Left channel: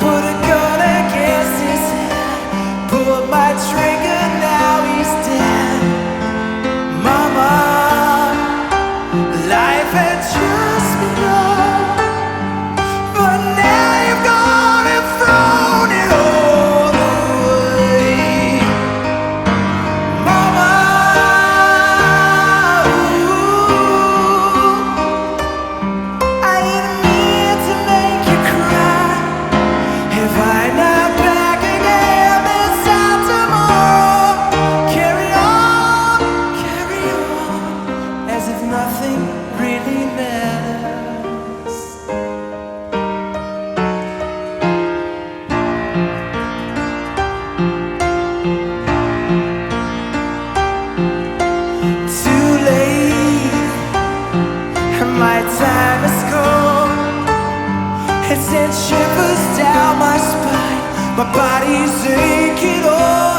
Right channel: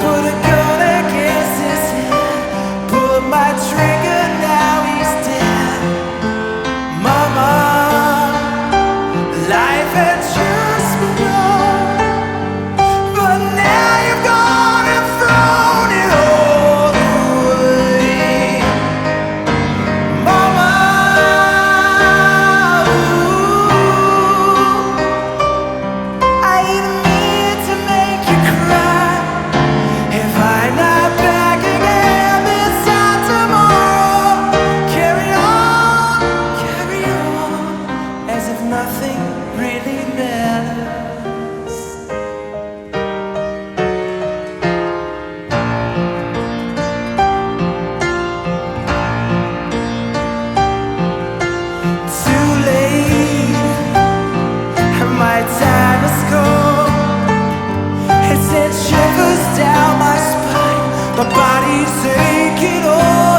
Put a gun against his head, pulled my trigger, now he's dead. Mama, life had just begun, but now you've gone and thrown it all away. Mama, ooh, I didn't mean to make you cry. If I'm not back again this time tomorrow, carry on, as if nothing really matters. Too late, my time has come. It sent shivers down my spine, my body's aching. Oh,